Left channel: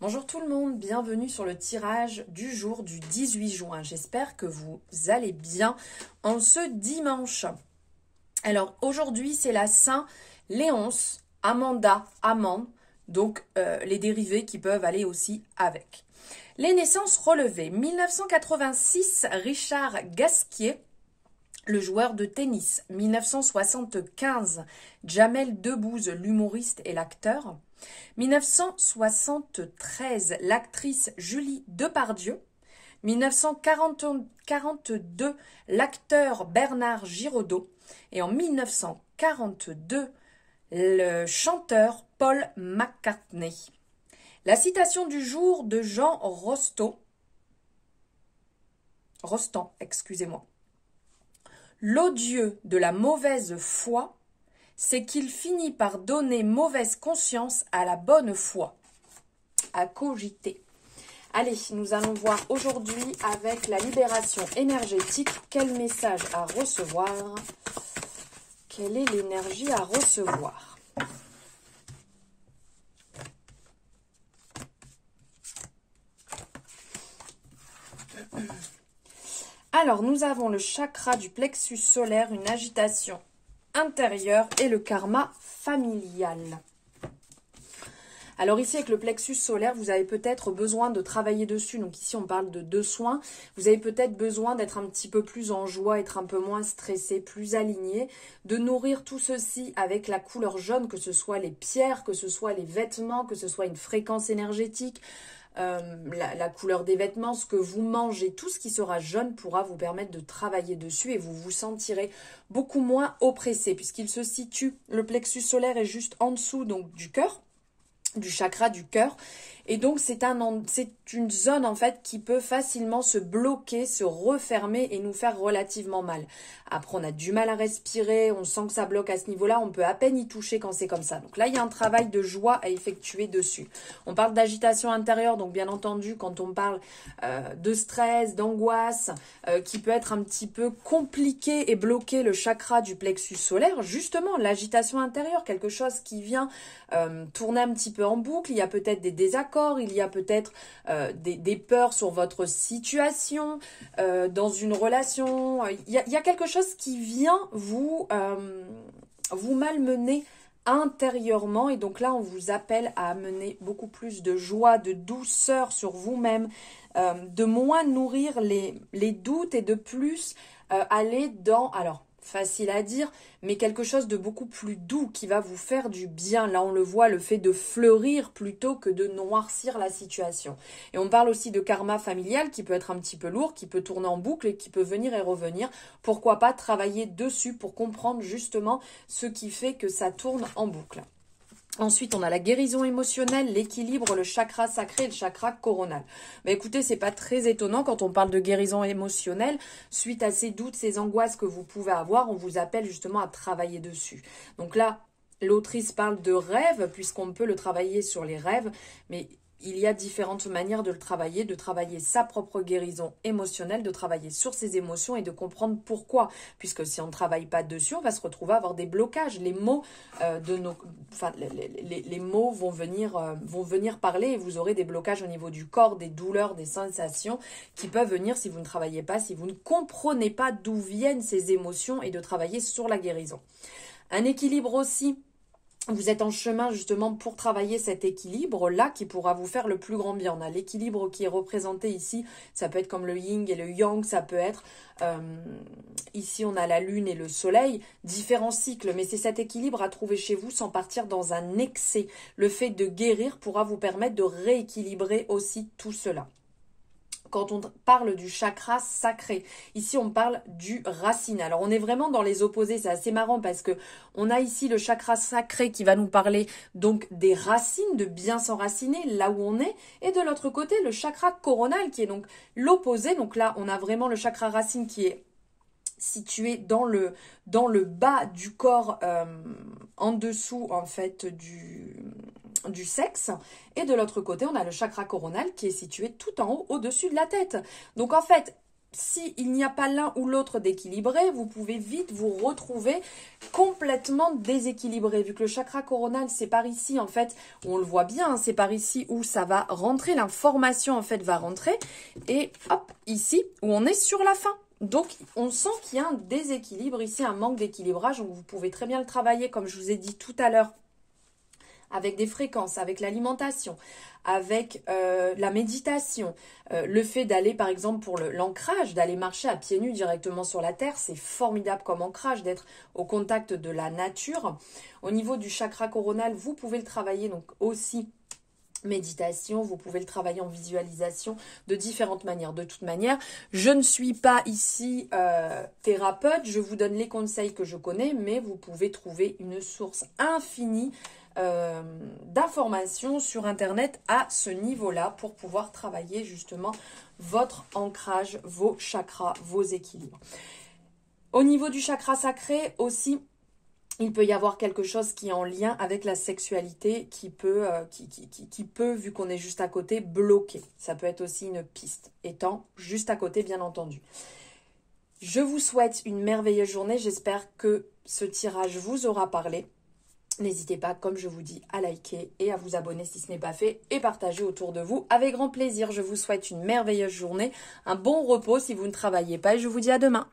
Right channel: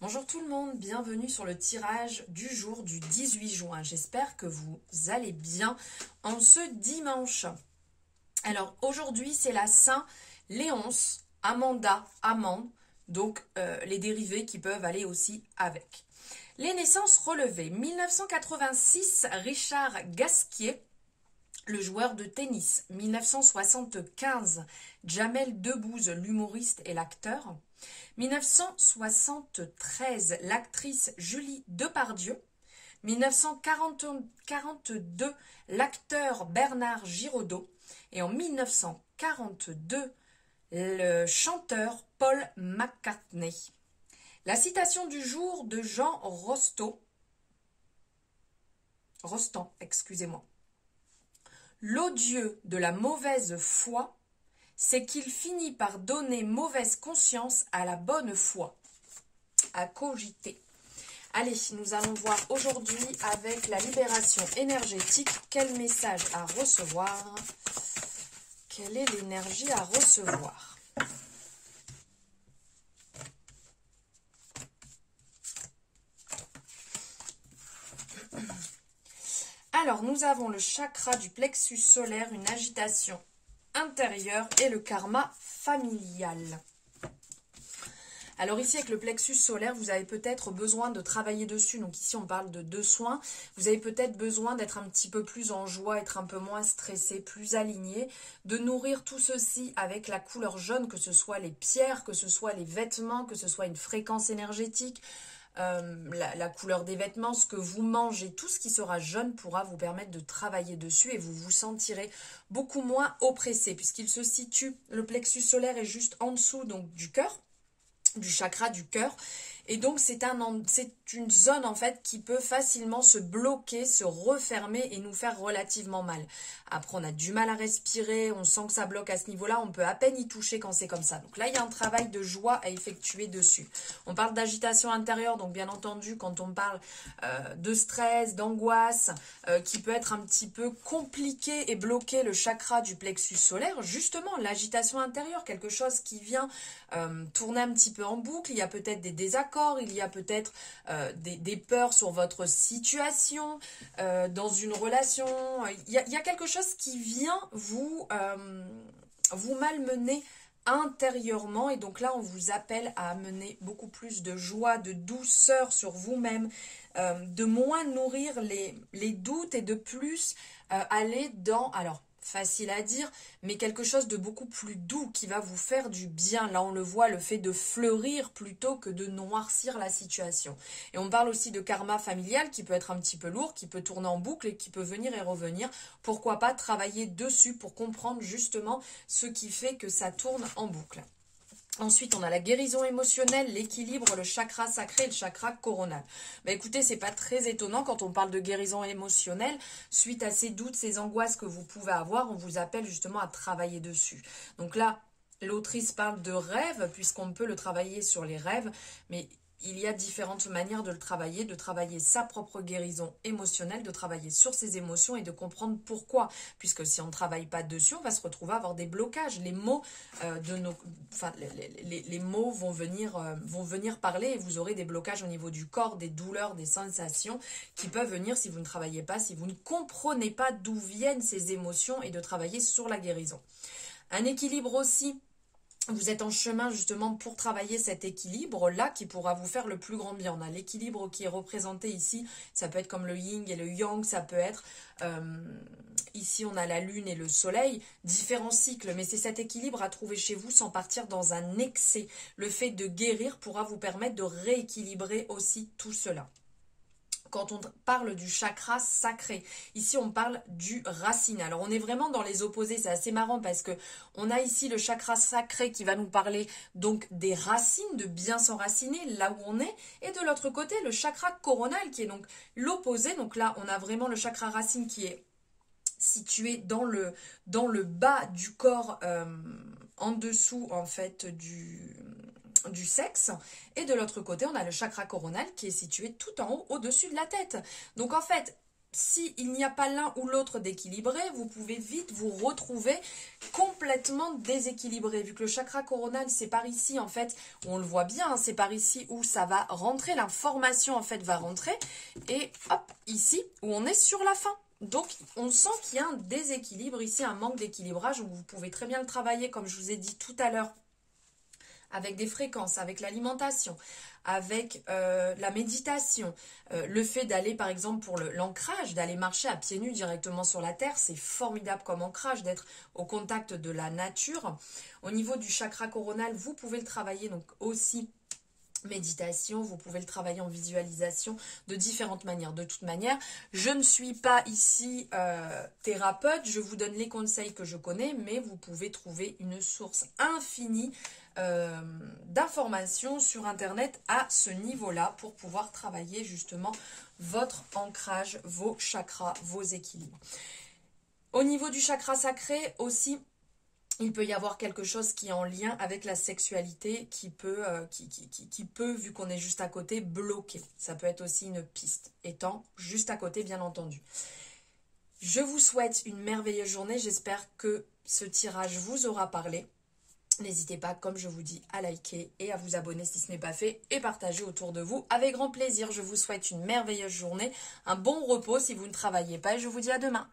Bonjour tout le monde, bienvenue sur le tirage du jour du 18 juin. J'espère que vous allez bien en ce dimanche. Alors aujourd'hui c'est la Saint-Léonce, Amanda, Amande, donc les dérivés qui peuvent aller aussi avec. Les naissances relevées, 1986, Richard Gasquet, le joueur de tennis. 1975, Jamel Debbouze, l'humoriste et l'acteur. 1973, l'actrice Julie Depardieu. 1942, l'acteur Bernard Giraudot. Et en 1942, le chanteur Paul McCartney. La citation du jour de Jean Rostand, excusez-moi. L'odieux de la mauvaise foi, c'est qu'il finit par donner mauvaise conscience à la bonne foi. À cogiter. Allez, nous allons voir aujourd'hui avec la libération énergétique, quel message à recevoir, quelle est l'énergie à recevoir. Alors, nous avons le chakra du plexus solaire, une agitation intérieure et le karma familial. Alors ici, avec le plexus solaire, vous avez peut-être besoin de travailler dessus. Donc ici, on parle de 2 soins. Vous avez peut-être besoin d'être un petit peu plus en joie, être un peu moins stressé, plus aligné, de nourrir tout ceci avec la couleur jaune, que ce soit les pierres, que ce soit les vêtements, que ce soit une fréquence énergétique, la couleur des vêtements, ce que vous mangez, tout ce qui sera jaune pourra vous permettre de travailler dessus et vous vous sentirez beaucoup moins oppressé puisqu'il se situe, le plexus solaire est juste en dessous donc du cœur, du chakra du cœur. Et donc, c'est une zone, en fait, qui peut facilement se bloquer, se refermer et nous faire relativement mal. Après, on a du mal à respirer, on sent que ça bloque à ce niveau-là, on peut à peine y toucher quand c'est comme ça. Donc là, il y a un travail de joie à effectuer dessus. On parle d'agitation intérieure, donc bien entendu, quand on parle de stress, d'angoisse, qui peut être un petit peu compliqué et bloquer le chakra du plexus solaire, justement, l'agitation intérieure, quelque chose qui vient tourner un petit peu en boucle, il y a peut-être des désaccords, il y a peut-être des peurs sur votre situation, dans une relation. Il y a quelque chose qui vient vous malmener intérieurement. Et donc là, on vous appelle à amener beaucoup plus de joie, de douceur sur vous-même, de moins nourrir les doutes et de plus aller dans... Alors, facile à dire, mais quelque chose de beaucoup plus doux qui va vous faire du bien. Là, on le voit, le fait de fleurir plutôt que de noircir la situation. Et on parle aussi de karma familial qui peut être un petit peu lourd, qui peut tourner en boucle et qui peut venir et revenir. Pourquoi pas travailler dessus pour comprendre justement ce qui fait que ça tourne en boucle. Ensuite, on a la guérison émotionnelle, l'équilibre, le chakra sacré et le chakra coronal. Mais écoutez, c'est pas très étonnant quand on parle de guérison émotionnelle. Suite à ces doutes, ces angoisses que vous pouvez avoir, on vous appelle justement à travailler dessus. Donc là, l'autrice parle de rêve, puisqu'on peut le travailler sur les rêves, mais il y a différentes manières de le travailler, de travailler sa propre guérison émotionnelle, de travailler sur ses émotions et de comprendre pourquoi. Puisque si on ne travaille pas dessus, on va se retrouver à avoir des blocages. Les mots les mots vont venir parler et vous aurez des blocages au niveau du corps, des douleurs, des sensations qui peuvent venir si vous ne travaillez pas, si vous ne comprenez pas d'où viennent ces émotions et de travailler sur la guérison. Un équilibre aussi. Vous êtes en chemin justement pour travailler cet équilibre-là qui pourra vous faire le plus grand bien. On a l'équilibre qui est représenté ici, ça peut être comme le yin et le yang, ça peut être, ici on a la lune et le soleil, différents cycles, mais c'est cet équilibre à trouver chez vous sans partir dans un excès. Le fait de guérir pourra vous permettre de rééquilibrer aussi tout cela. Quand on parle du chakra sacré, ici on parle du racine. Alors on est vraiment dans les opposés, c'est assez marrant parce que on a ici le chakra sacré qui va nous parler donc des racines, de bien s'enraciner là où on est, et de l'autre côté le chakra coronal qui est donc l'opposé. Donc là on a vraiment le chakra racine qui est situé dans le bas du corps, en dessous en fait du sexe, et de l'autre côté on a le chakra coronal qui est situé tout en haut au-dessus de la tête. Donc en fait si il n'y a pas l'un ou l'autre d'équilibré, vous pouvez vite vous retrouver complètement déséquilibré. Vu que le chakra coronal, c'est par ici, en fait, on le voit bien, hein, c'est par ici où ça va rentrer, l'information, en fait, va rentrer. Et hop, ici, où on est sur la fin. Donc, on sent qu'il y a un déséquilibre ici, un manque d'équilibrage. Donc, vous pouvez très bien le travailler, comme je vous ai dit tout à l'heure, avec des fréquences, avec l'alimentation, avec la méditation, le fait d'aller par exemple pour l'ancrage, d'aller marcher à pieds nus directement sur la terre, c'est formidable comme ancrage, d'être au contact de la nature. Au niveau du chakra coronal, vous pouvez le travailler donc aussi méditation, vous pouvez le travailler en visualisation de différentes manières. De toute manière, je ne suis pas ici thérapeute, je vous donne les conseils que je connais, mais vous pouvez trouver une source infinie d'informations sur internet à ce niveau-là pour pouvoir travailler justement votre ancrage, vos chakras, vos équilibres. Au niveau du chakra sacré aussi, il peut y avoir quelque chose qui est en lien avec la sexualité qui peut, vu qu'on est juste à côté, bloquer. Ça peut être aussi une piste, étant juste à côté, bien entendu. Je vous souhaite une merveilleuse journée. J'espère que ce tirage vous aura parlé. N'hésitez pas, comme je vous dis, à liker et à vous abonner si ce n'est pas fait et partager autour de vous avec grand plaisir. Je vous souhaite une merveilleuse journée, un bon repos si vous ne travaillez pas et je vous dis à demain.